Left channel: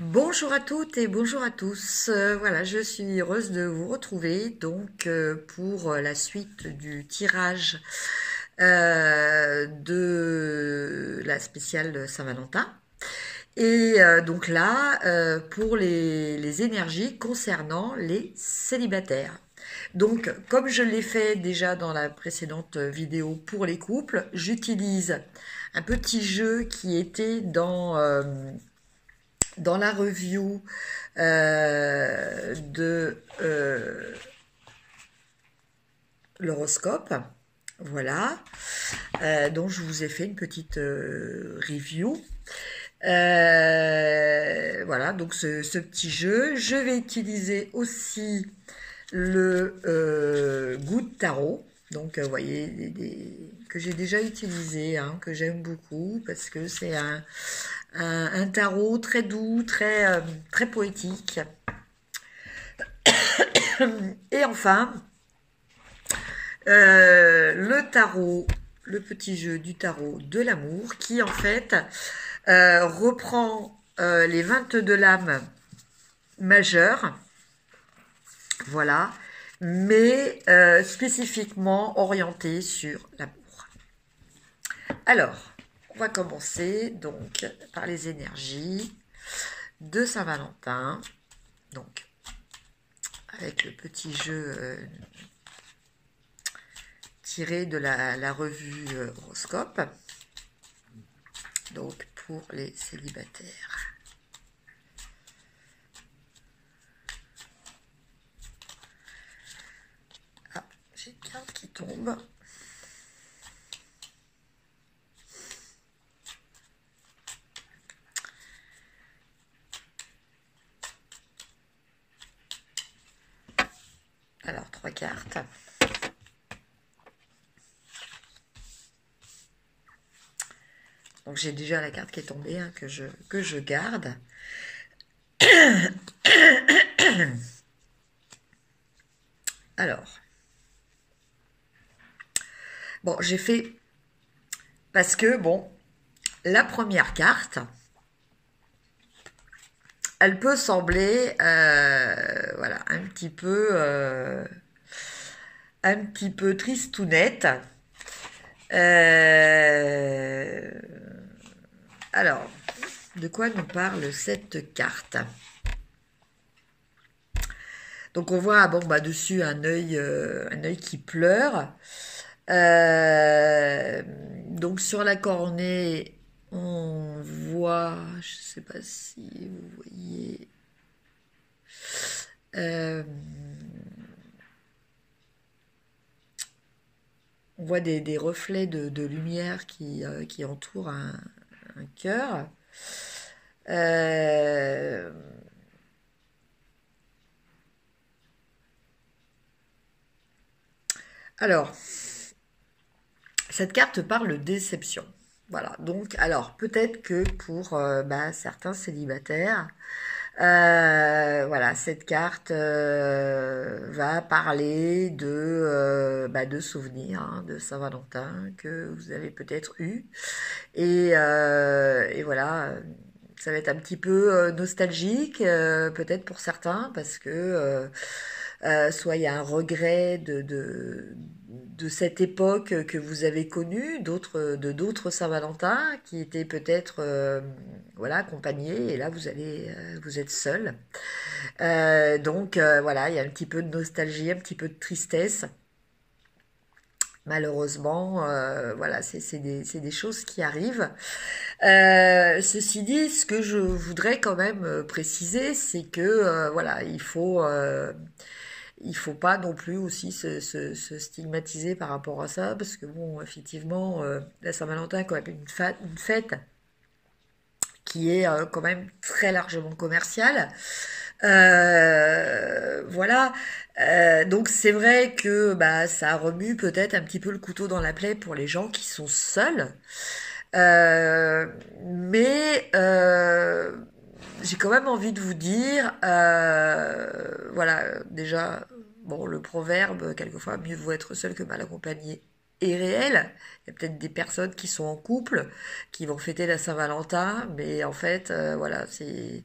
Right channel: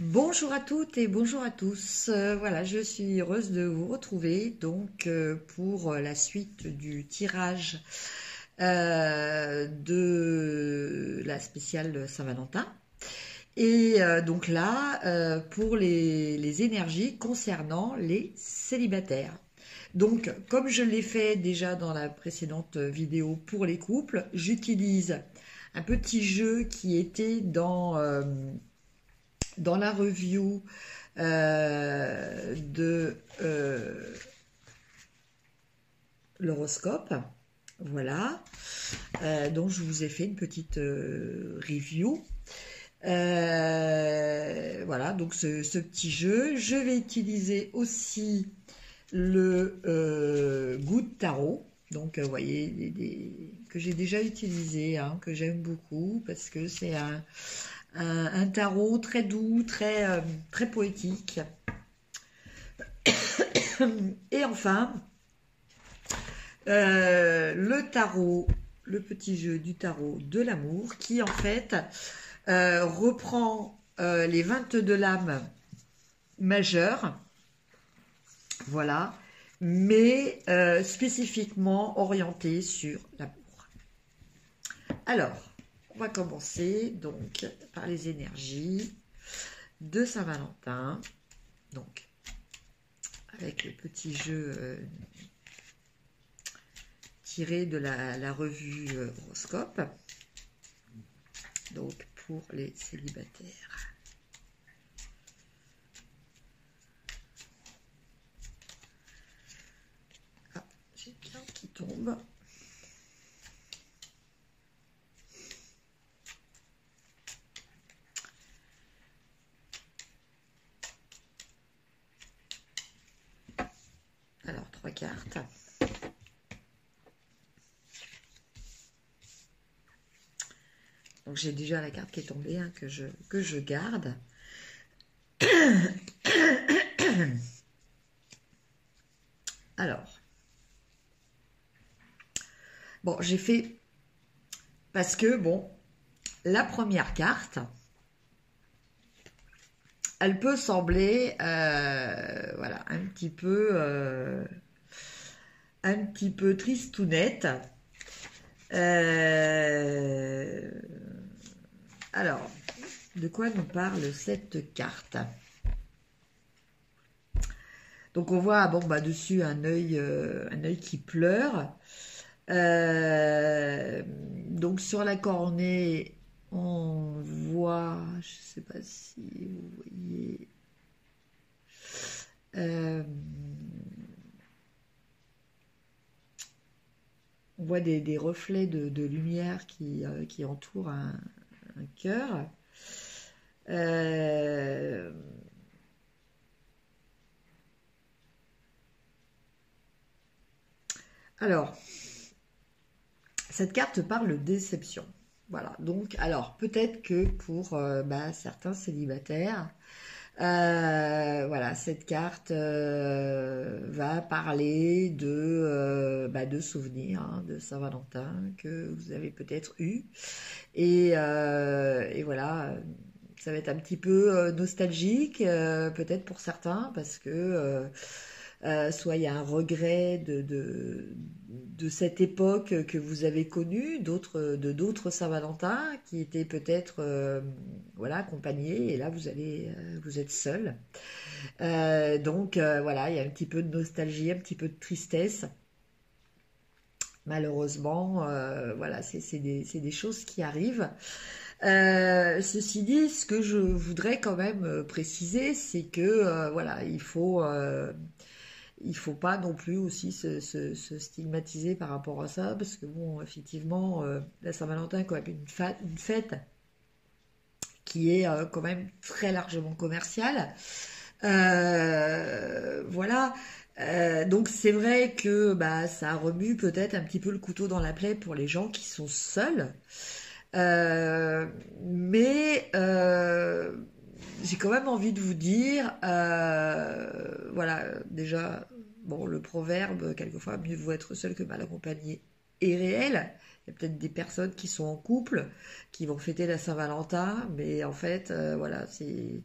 Bonjour à toutes et bonjour à tous. Voilà, je suis heureuse de vous retrouver donc pour la suite du tirage de la spéciale Saint-Valentin. Et donc là, pour les énergies concernant les célibataires. Donc, comme je l'ai fait déjà dans la précédente vidéo pour les couples, j'utilise un petit jeu qui était dans la review de l'horoscope. Voilà. Donc je vous ai fait une petite review. Voilà, donc ce petit jeu. Je vais utiliser aussi le Good Tarot. Donc, vous voyez, que j'ai déjà utilisé, hein, que j'aime beaucoup, parce que c'est un tarot très doux, très poétique. Et enfin, le tarot, le petit jeu du tarot de l'amour, qui en fait reprend les 22 lames majeures, voilà, mais spécifiquement orienté sur l'amour. Alors, on va commencer donc par les énergies de Saint-Valentin, donc avec le petit jeu tiré de la revue Horoscope, donc pour les célibataires. Ah, j'ai une carte qui tombe. Alors, 3 cartes. Donc, j'ai déjà la carte qui est tombée, hein, que je garde. Alors, bon, j'ai fait... Parce que, bon, la première carte, elle peut sembler, voilà, un petit peu tristounette. Alors, de quoi nous parle cette carte? Donc on voit bon bah dessus un œil qui pleure. Donc sur la cornée, on voit, je sais pas si vous voyez, on voit des reflets de lumière qui entourent un cœur. Alors, cette carte parle de déception. Voilà, donc, alors, peut-être que pour certains célibataires, voilà, cette carte va parler de souvenirs, hein, de Saint-Valentin que vous avez peut-être eu. Et voilà, ça va être un petit peu nostalgique, peut-être pour certains, parce que soit il y a un regret de cette époque que vous avez connue, d'autres Saint-Valentin qui étaient peut-être voilà, accompagnés, et là vous êtes seul. Donc voilà, il y a un petit peu de nostalgie, un petit peu de tristesse. Malheureusement, voilà, c'est des choses qui arrivent. Ceci dit, ce que je voudrais quand même préciser, c'est que voilà, il faut pas non plus aussi se stigmatiser par rapport à ça, parce que bon, effectivement, la Saint-Valentin est quand même une fête qui est quand même très largement commerciale. Voilà. Donc c'est vrai que bah, ça remue peut-être un petit peu le couteau dans la plaie pour les gens qui sont seuls. Euh, mais j'ai quand même envie de vous dire, voilà, déjà, bon, le proverbe, quelquefois, mieux vaut être seul que mal accompagné. est réel. Il y a peut-être des personnes qui sont en couple, qui vont fêter la Saint-Valentin, mais en fait, voilà, c'est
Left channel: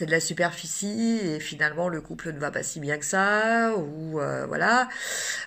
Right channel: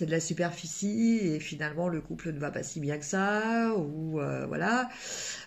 de la superficie et finalement le couple ne va pas si bien que ça, ou voilà.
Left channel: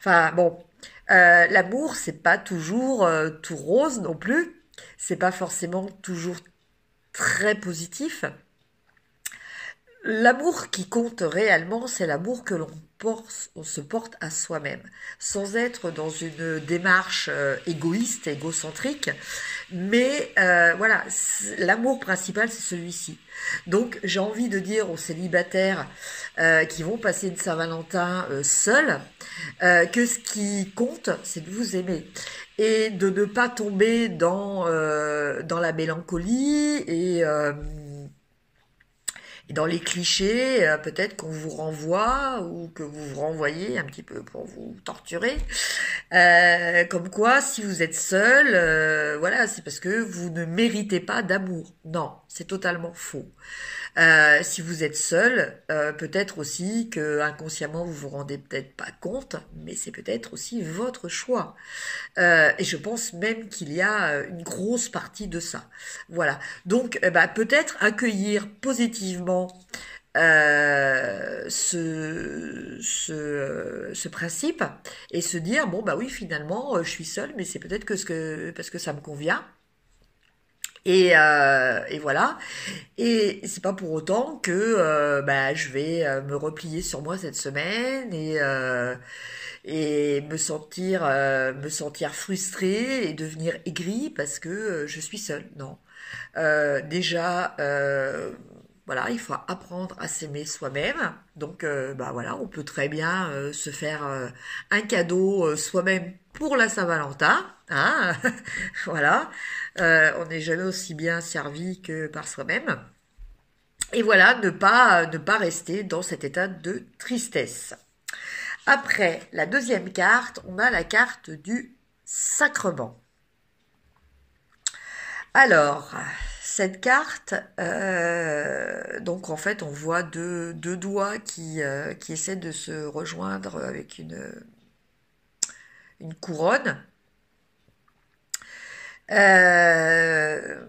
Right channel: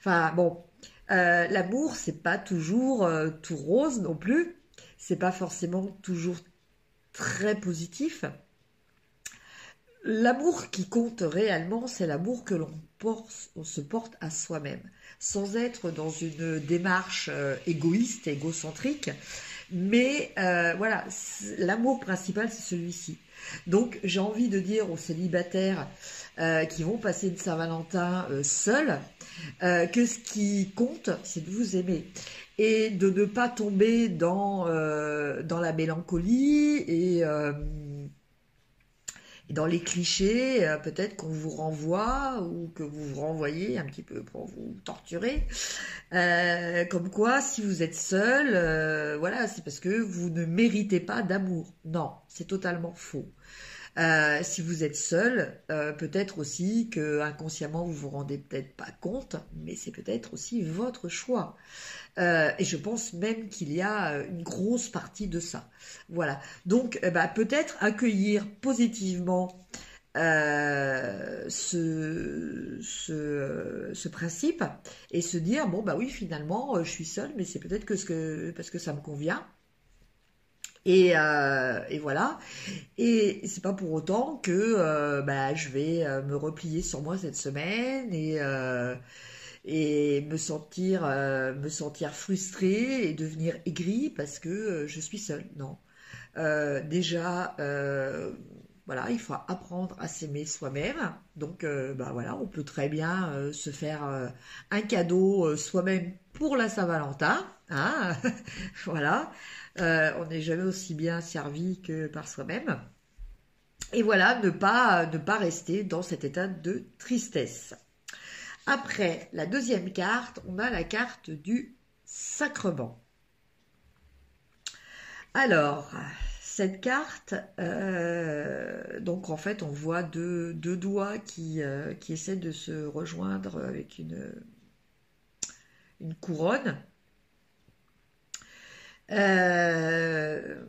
Enfin bon, l'amour c'est pas toujours tout rose non plus, c'est pas forcément toujours très positif. L'amour qui compte réellement, c'est l'amour que on se porte à soi-même, sans être dans une démarche égoïste, égocentrique, mais voilà, l'amour principal, c'est celui-ci. Donc, j'ai envie de dire aux célibataires qui vont passer une Saint-Valentin seuls, que ce qui compte, c'est de vous aimer et de ne pas tomber dans la mélancolie et dans les clichés, peut-être qu'on vous renvoie ou que vous vous renvoyez un petit peu pour vous torturer. Comme quoi, si vous êtes seul, voilà, c'est parce que vous ne méritez pas d'amour. Non, c'est totalement faux. Si vous êtes seul, peut-être aussi que inconsciemment vous vous rendez peut-être pas compte, mais c'est peut-être aussi votre choix. Et je pense même qu'il y a une grosse partie de ça. Voilà. Donc, bah, peut-être accueillir positivement ce principe et se dire bon bah oui finalement je suis seule mais c'est peut-être parce que ça me convient et voilà. Et c'est pas pour autant que bah, je vais me replier sur moi cette semaine et me sentir frustrée et devenir aigrie parce que je suis seule. Non. Déjà, voilà, il faut apprendre à s'aimer soi-même. Donc, bah voilà, on peut très bien se faire un cadeau soi-même pour la Saint-Valentin. Hein. Voilà, on n'est jamais aussi bien servi que par soi-même. Et voilà, ne pas rester dans cet état de tristesse. Après, la deuxième carte, on a la carte du sacrement. Alors, cette carte, donc en fait, on voit deux doigts qui essaient de se rejoindre avec une couronne. Euh,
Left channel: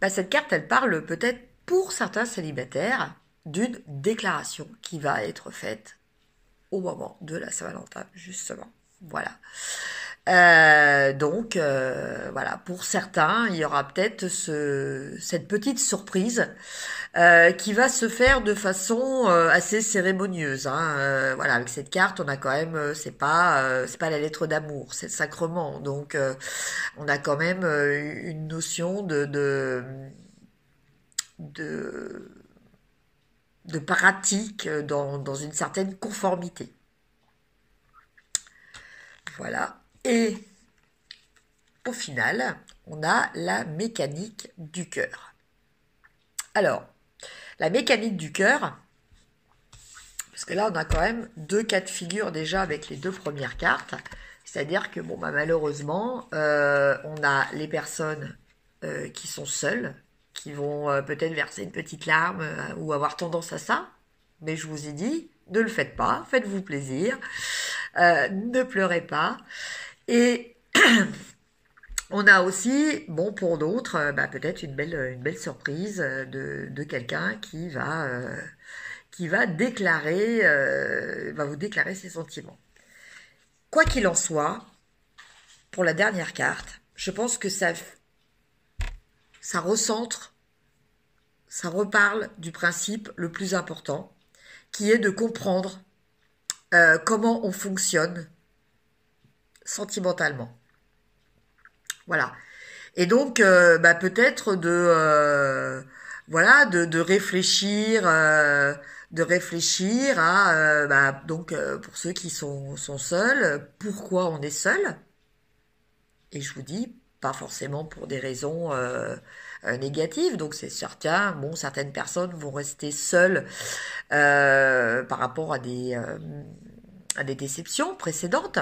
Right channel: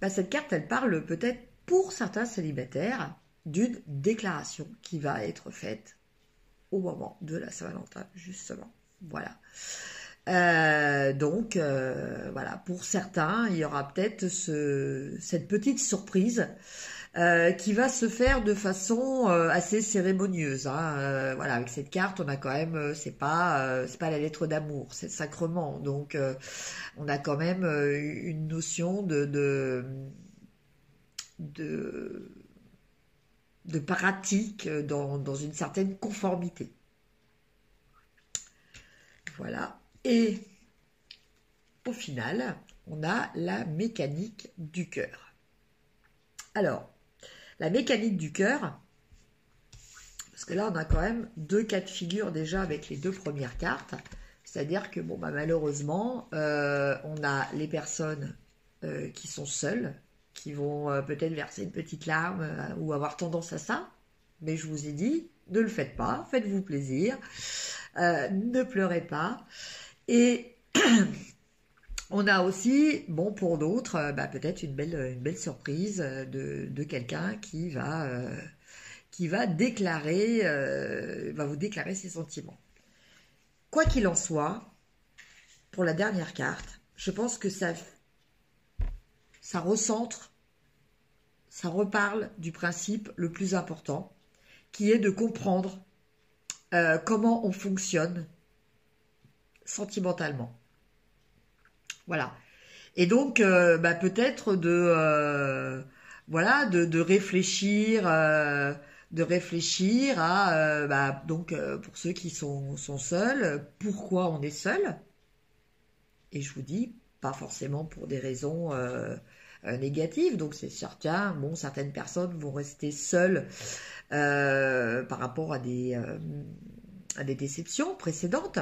Bah, cette carte, elle parle peut-être pour certains célibataires d'une déclaration qui va être faite au moment de la Saint-Valentin, justement. Voilà. Donc, voilà, pour certains, il y aura peut-être cette petite surprise qui va se faire de façon assez cérémonieuse. Hein. Voilà, avec cette carte, on a quand même, c'est pas la lettre d'amour, c'est le sacrement. Donc, on a quand même une notion de, de pratique dans une certaine conformité. Voilà. Et au final, on a la mécanique du cœur. Alors, la mécanique du cœur, parce que là, on a quand même deux cas de figure déjà avec les deux premières cartes. C'est-à-dire que, bon, bah, malheureusement, on a les personnes qui sont seules, qui vont peut-être verser une petite larme ou avoir tendance à ça. Mais je vous ai dit, ne le faites pas, faites-vous plaisir, ne pleurez pas. Et on a aussi, bon, pour d'autres, bah, peut-être une belle surprise de quelqu'un qui va déclarer, va vous déclarer ses sentiments. Quoi qu'il en soit, pour la dernière carte, je pense que ça recentre, ça reparle du principe le plus important, qui est de comprendre comment on fonctionne sentimentalement. Voilà. Et donc, bah, peut-être voilà, de réfléchir à, bah, donc, pour ceux qui sont seuls, pourquoi on est seul. Et je vous dis, pas forcément pour des raisons négatives. Donc, c'est certain, bon, certaines personnes vont rester seules par rapport à des déceptions précédentes.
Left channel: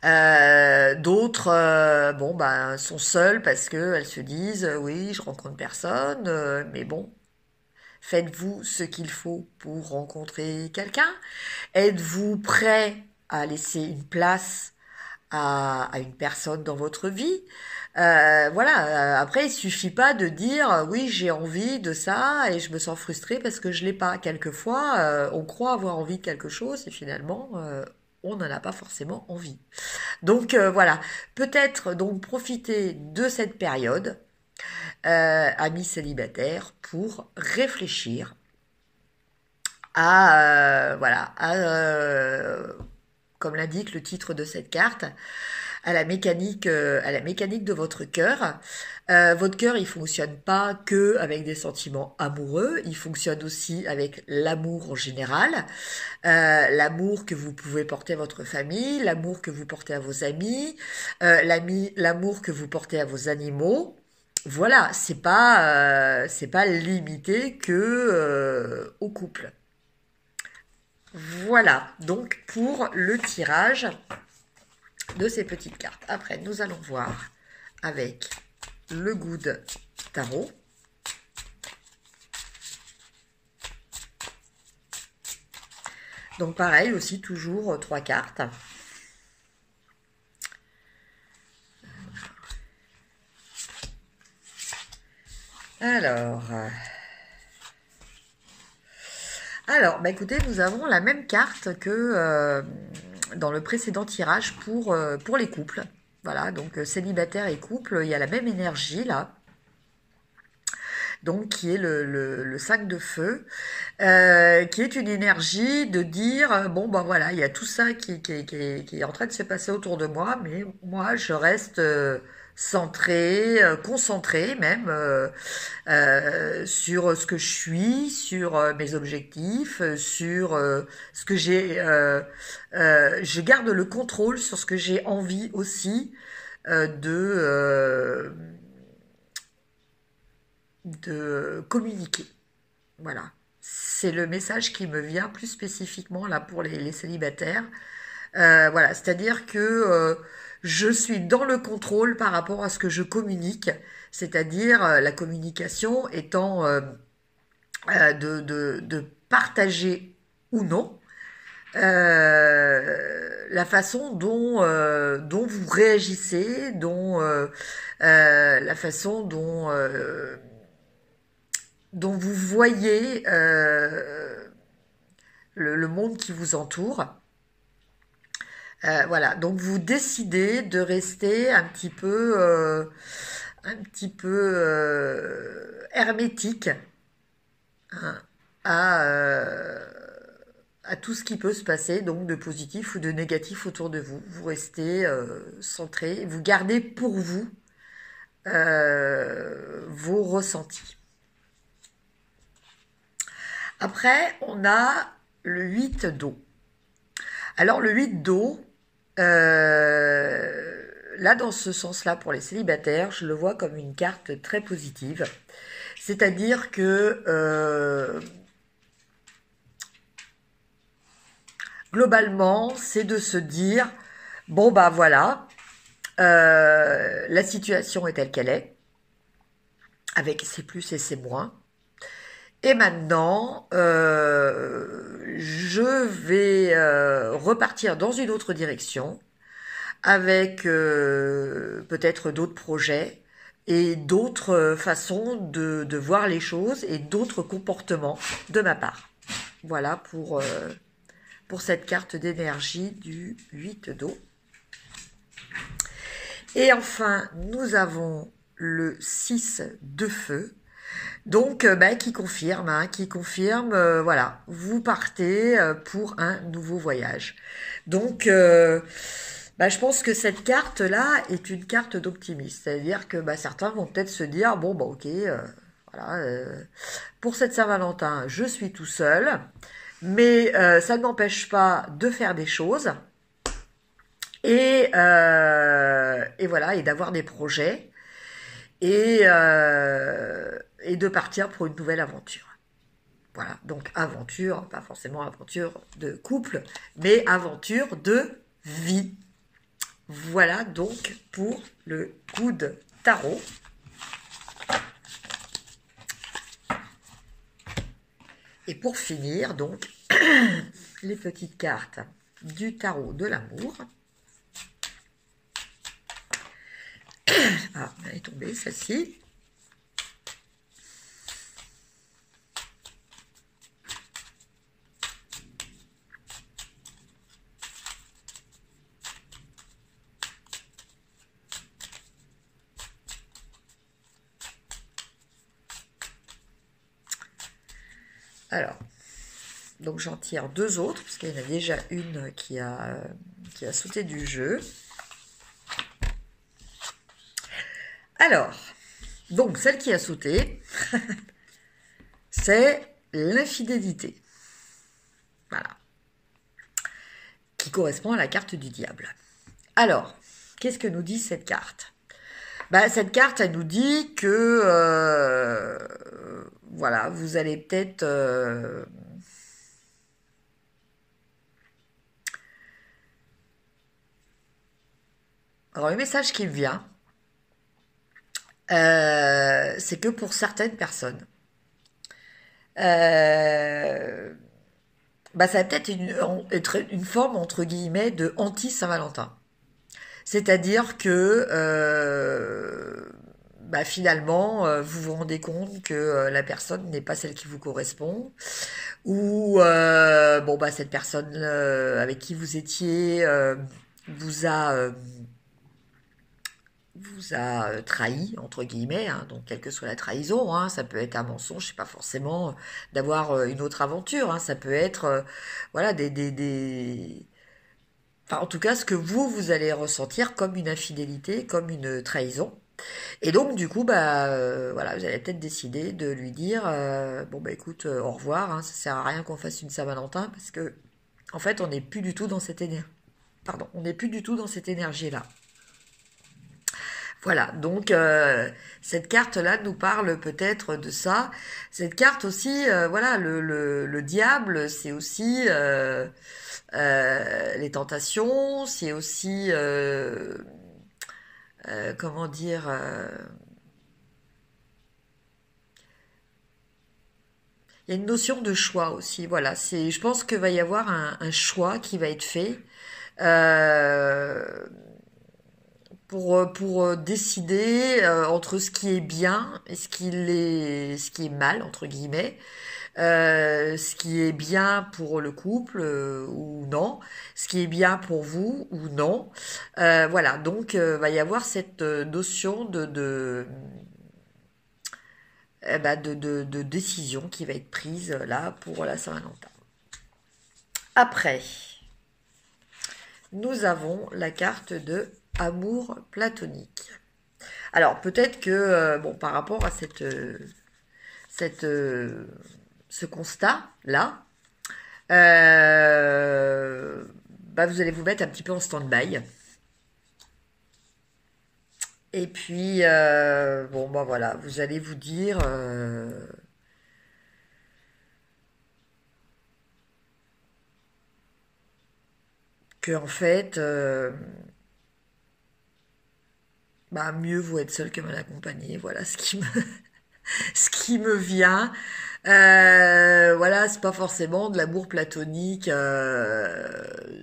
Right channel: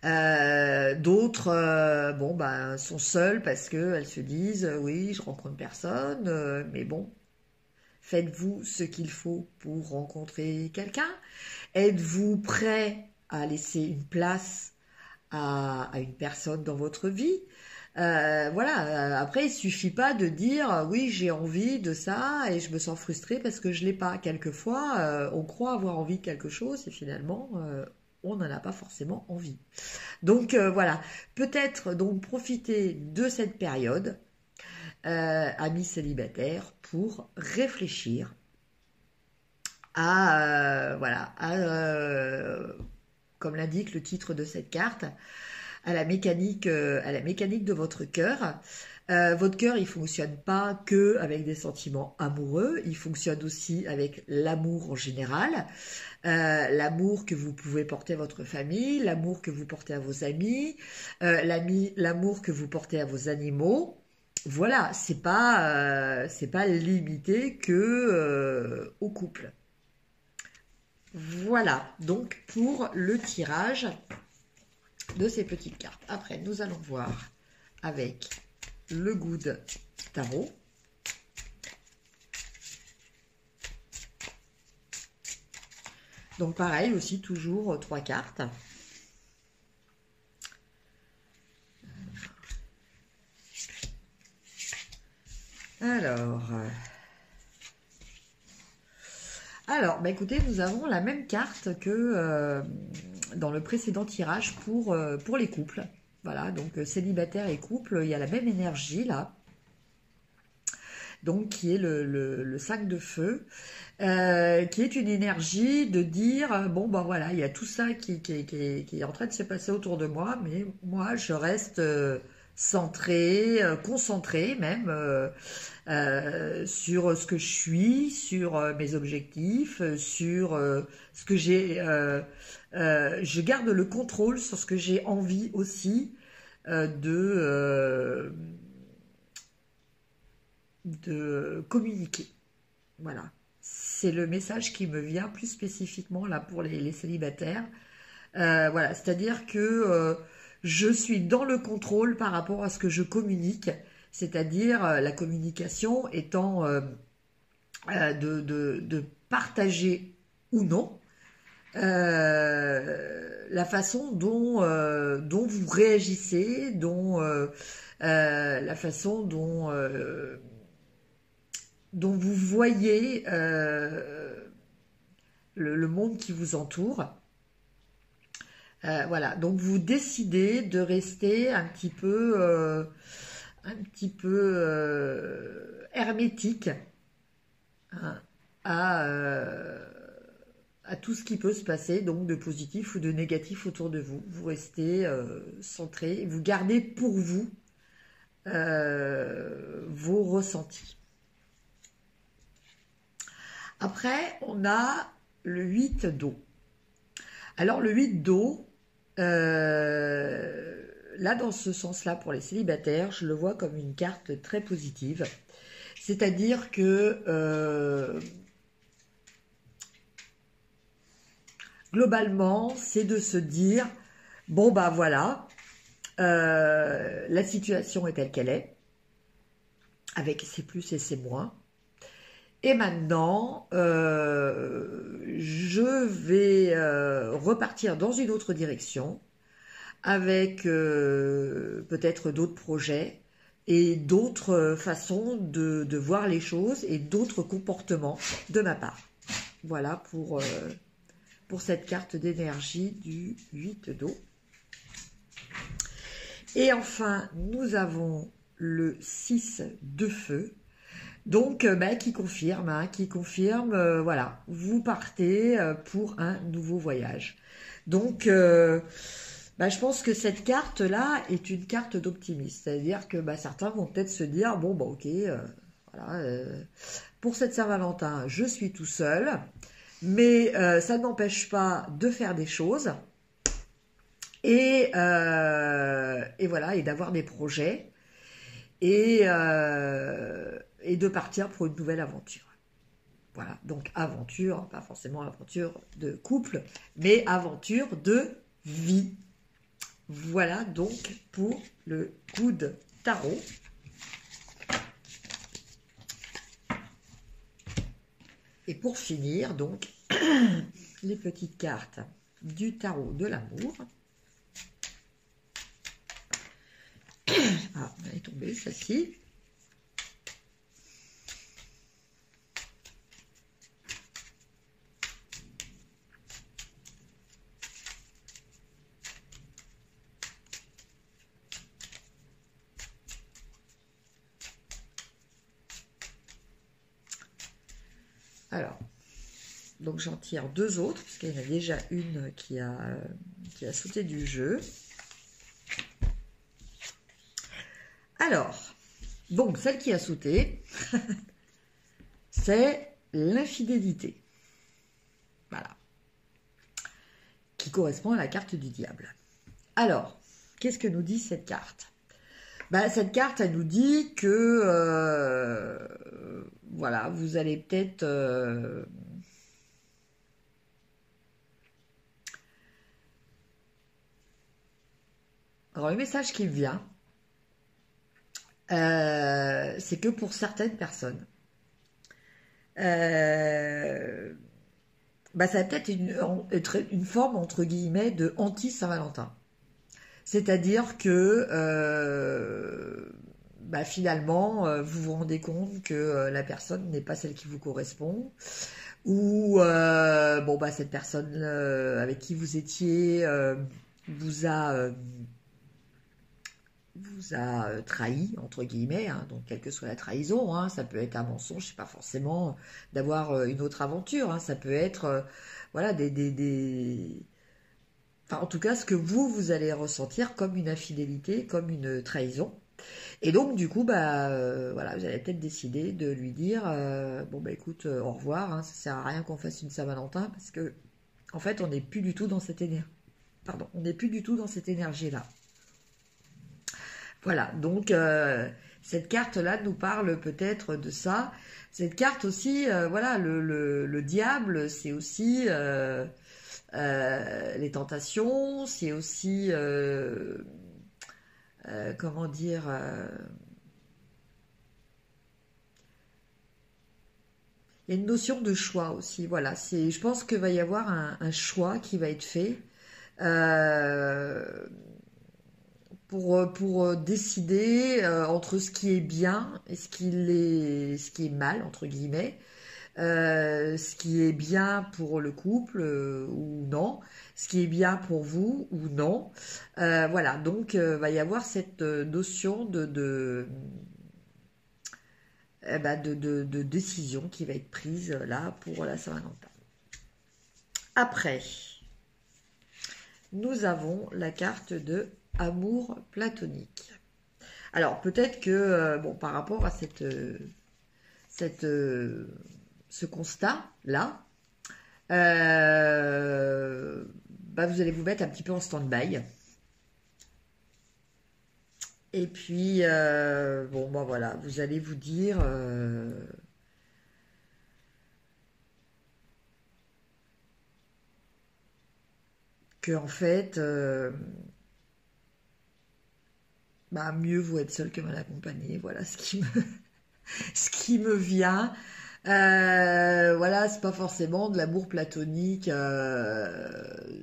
D'autres bon bah sont seules parce que elles se disent oui je rencontre personne mais bon faites-vous ce qu'il faut pour rencontrer quelqu'un, êtes-vous prêt à laisser une place à une personne dans votre vie. Voilà, après, il suffit pas de dire oui, j'ai envie de ça et je me sens frustrée parce que je l'ai pas. Quelquefois, on croit avoir envie de quelque chose et finalement, on n'en a pas forcément envie. Donc voilà, peut-être donc profiter de cette période, amis célibataires, pour réfléchir à voilà, comme l'indique le titre de cette carte, à la mécanique de votre cœur. Votre cœur, il fonctionne pas que avec des sentiments amoureux, il fonctionne aussi avec l'amour en général, l'amour que vous pouvez porter à votre famille, l'amour que vous portez à vos amis, l'amour que vous portez à vos animaux. Voilà, c'est pas limité que au couple. Voilà, donc pour le tirage de ces petites cartes. Après, nous allons voir avec le Good Tarot. Donc pareil, aussi toujours 3 cartes. Alors, bah écoutez, nous avons la même carte que dans le précédent tirage pour les couples. Voilà, donc célibataire et couple, il y a la même énergie là. Donc qui est le 5 de feu, qui est une énergie de dire, bon ben voilà, il y a tout ça qui est en train de se passer autour de moi, mais moi je reste centré, concentré même sur ce que je suis, sur mes objectifs, sur ce que j'ai. Je garde le contrôle sur ce que j'ai envie aussi de communiquer. Voilà. C'est le message qui me vient plus spécifiquement là pour les célibataires. Voilà, c'est-à-dire que je suis dans le contrôle par rapport à ce que je communique, c'est-à-dire la communication étant de partager ou non la façon dont vous réagissez, la façon dont vous voyez le monde qui vous entoure. Voilà, donc vous décidez de rester un petit peu hermétique, hein, à tout ce qui peut se passer, donc de positif ou de négatif autour de vous. Vous restez centré, vous gardez pour vous vos ressentis. Après, on a le 8 d'eau. Alors le 8 d'eau, là dans ce sens-là pour les célibataires, je le vois comme une carte très positive. C'est-à-dire que globalement, c'est de se dire, bon bah voilà, la situation est telle qu'elle est, avec ses plus et ses moins. Et maintenant, je vais repartir dans une autre direction avec peut-être d'autres projets et d'autres façons de voir les choses et d'autres comportements de ma part. Voilà pour cette carte d'énergie du 8 d'eau. Et enfin, nous avons le 6 de feu. Donc, qui confirme, voilà, vous partez pour un nouveau voyage. Donc, je pense que cette carte-là est une carte d'optimisme. C'est-à-dire que certains vont peut-être se dire, bon, ok, voilà, pour cette Saint-Valentin, je suis tout seul, mais ça ne m'empêche pas de faire des choses et voilà, et d'avoir des projets. Et de partir pour une nouvelle aventure. Voilà, donc aventure, pas forcément aventure de couple, mais aventure de vie. Voilà donc pour le Good Tarot. Et pour finir, donc, les petites cartes du tarot de l'amour. Ah, elle est tombée, celle-ci. Alors, donc j'en tire deux autres, parce qu'il y en a déjà une qui a sauté du jeu. Alors, donc celle qui a sauté, c'est l'infidélité. Voilà. Qui correspond à la carte du diable. Alors, qu'est-ce que nous dit cette carte? Bah, cette carte, elle nous dit que, voilà, vous allez peut-être... Alors, le message qui me vient, c'est que pour certaines personnes, bah, ça va peut-être être une forme, entre guillemets, de anti-Saint-Valentin. C'est-à-dire que bah, finalement, vous vous rendez compte que la personne n'est pas celle qui vous correspond, ou bon bah cette personne avec qui vous étiez vous a trahi entre guillemets, hein, donc quelle que soit la trahison, hein, ça peut être un mensonge, c'est pas forcément d'avoir une autre aventure, hein, ça peut être voilà enfin, en tout cas, ce que vous allez ressentir comme une infidélité, comme une trahison. Et donc, du coup, bah, voilà, vous allez peut-être décider de lui dire, bon, bah, écoute, au revoir, hein, ça sert à rien qu'on fasse une Saint-Valentin, parce que, en fait, on n'est plus du tout dans cette énergie. Pardon, on n'est plus du tout dans cette énergie-là. Voilà, donc cette carte-là nous parle peut-être de ça. Cette carte aussi, voilà, le diable, c'est aussi les tentations, c'est aussi, comment dire, il y a une notion de choix aussi. Voilà, je pense qu'il va y avoir un choix qui va être fait. Euh, pour décider entre ce qui est bien et ce qui est mal, entre guillemets, ce qui est bien pour le couple ou non, ce qui est bien pour vous ou non. Voilà, donc va y avoir cette notion de décision qui va être prise là pour la Saint-Valentin. Après, nous avons la carte de amour platonique. Alors peut-être que bon par rapport à ce constat là, bah, vous allez vous mettre un petit peu en stand-by. Et puis bon bah voilà, vous allez vous dire que en fait bah, mieux vaut être seul que mal accompagné. Voilà ce qui me, ce qui me vient. Voilà, c'est pas forcément de l'amour platonique,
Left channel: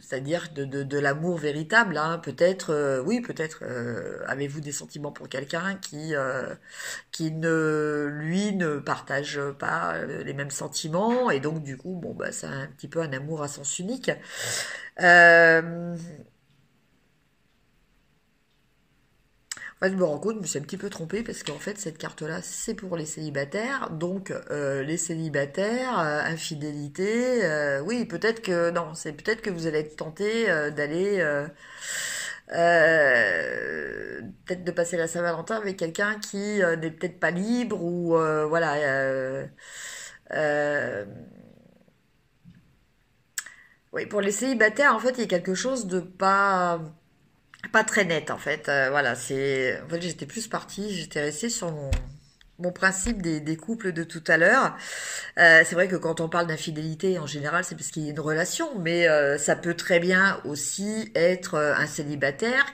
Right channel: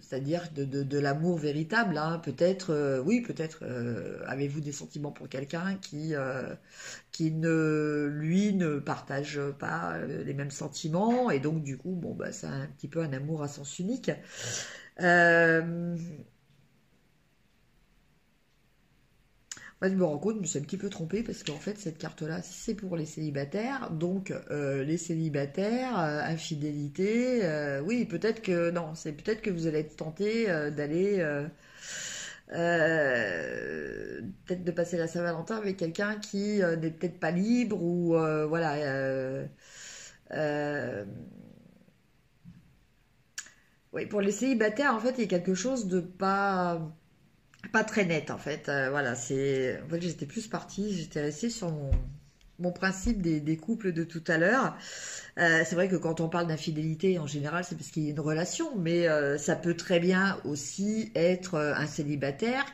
c'est-à-dire de l'amour véritable. Hein. Peut-être, oui, peut-être avez-vous des sentiments pour quelqu'un qui lui, ne partage pas les mêmes sentiments, et donc du coup, bon, bah, c'est un petit peu un amour à sens unique. Euh, En fait, je me rends compte, je me suis un petit peu trompée parce qu'en fait, cette carte-là, c'est pour les célibataires. Donc, les célibataires, infidélité, oui, peut-être que, non, c'est peut-être que vous allez être tenté d'aller, peut-être de passer la Saint-Valentin avec quelqu'un qui n'est peut-être pas libre ou, voilà. Euh, oui, pour les célibataires, en fait, il y a quelque chose de pas très net en fait. Voilà, c'est en fait j'étais plus partie, j'étais restée sur mon principe des couples de tout à l'heure. C'est vrai que quand on parle d'infidélité, en général, c'est parce qu'il y a une relation, mais ça peut très bien aussi être un célibataire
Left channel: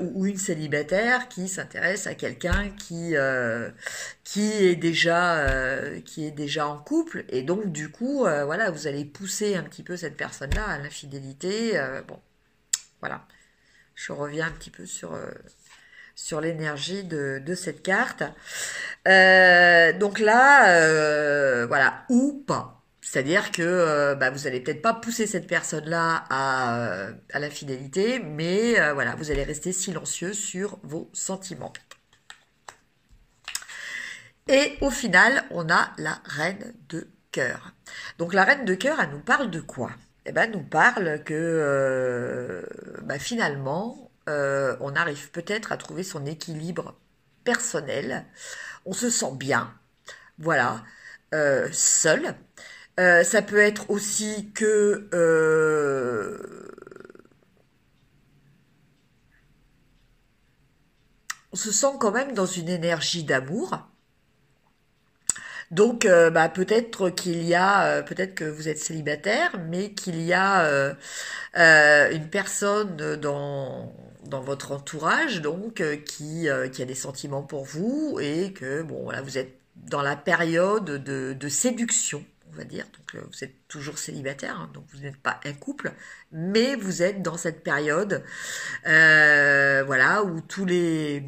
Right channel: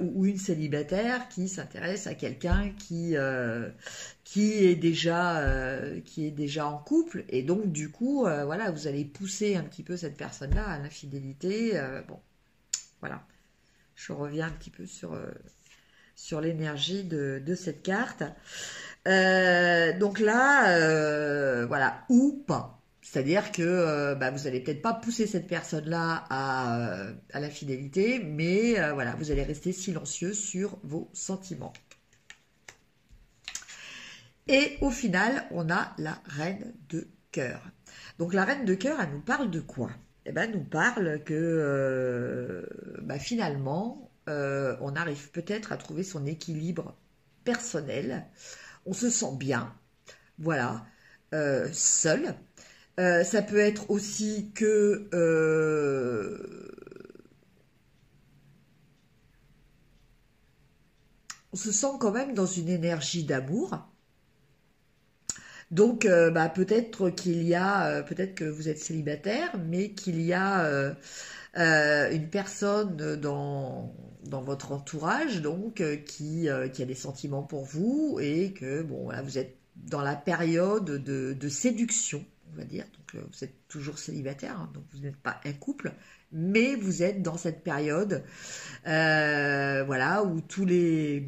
ou une célibataire qui s'intéresse à quelqu'un qui est déjà en couple, et donc du coup, voilà, vous allez pousser un petit peu cette personne-là à l'infidélité. Bon, voilà, je reviens un petit peu sur l'énergie de cette carte. Donc là, voilà, ou pas. C'est-à-dire que vous allez peut-être pas pousser cette personne-là à l'infidélité, mais voilà, vous allez rester silencieux sur vos sentiments. Et au final, on a la reine de cœur. Donc la reine de cœur, elle nous parle de quoi? Eh ben, elle nous parle que finalement, on arrive peut-être à trouver son équilibre personnel. On se sent bien, voilà, seul. Ça peut être aussi que on se sent quand même dans une énergie d'amour. Donc, peut-être que vous êtes célibataire, mais qu'il y a une personne dans votre entourage, donc qui a des sentiments pour vous, et que bon, voilà, vous êtes dans la période de séduction, on va dire. Donc, vous êtes toujours célibataire, hein, donc vous n'êtes pas un couple, mais vous êtes dans cette période, voilà, où tous les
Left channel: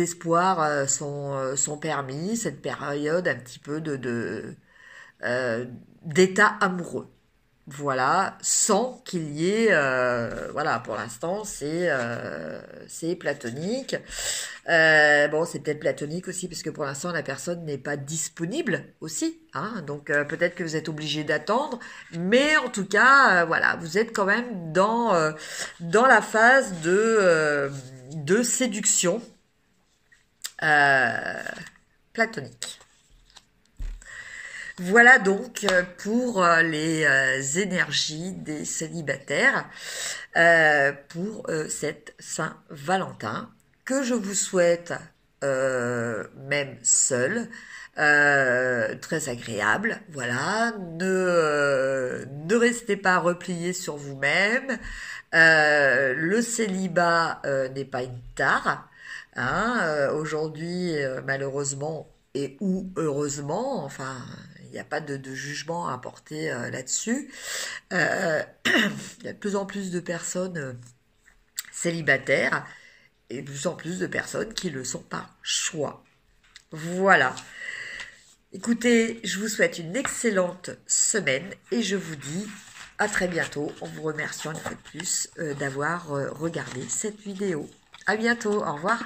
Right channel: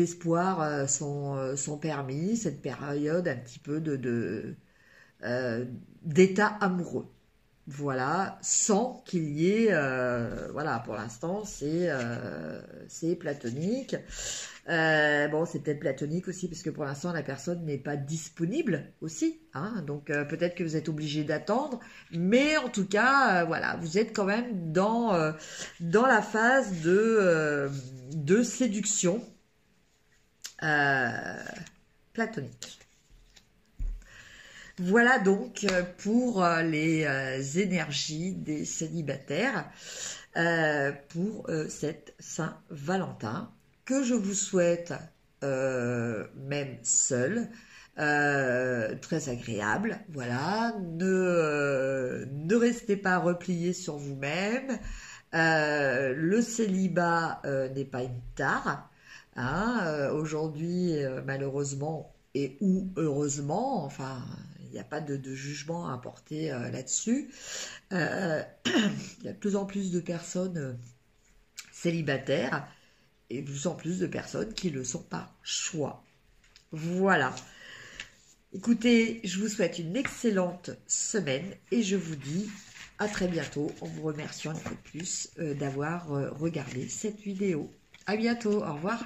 espoirs sont permis, cette période un petit peu d'état amoureux. Voilà, sans qu'il y ait, voilà, pour l'instant, c'est platonique. Bon, c'est peut-être platonique aussi, parce que pour l'instant, la personne n'est pas disponible aussi, hein, donc peut-être que vous êtes obligé d'attendre, mais en tout cas, voilà, vous êtes quand même dans la phase de séduction platonique. Voilà donc pour les énergies des célibataires pour cette Saint-Valentin, que je vous souhaite même seul, très agréable. Voilà, ne restez pas repliés sur vous-même. Le célibat n'est pas une tare. Hein, aujourd'hui, malheureusement, et ou heureusement, enfin, il n'y a pas de jugement à porter là-dessus. Il y a de plus en plus de personnes célibataires et de plus en plus de personnes qui le sont par choix. Voilà. Écoutez, je vous souhaite une excellente semaine et je vous dis à très bientôt en vous remerciant une fois de plus d'avoir regardé cette vidéo. À bientôt, au revoir.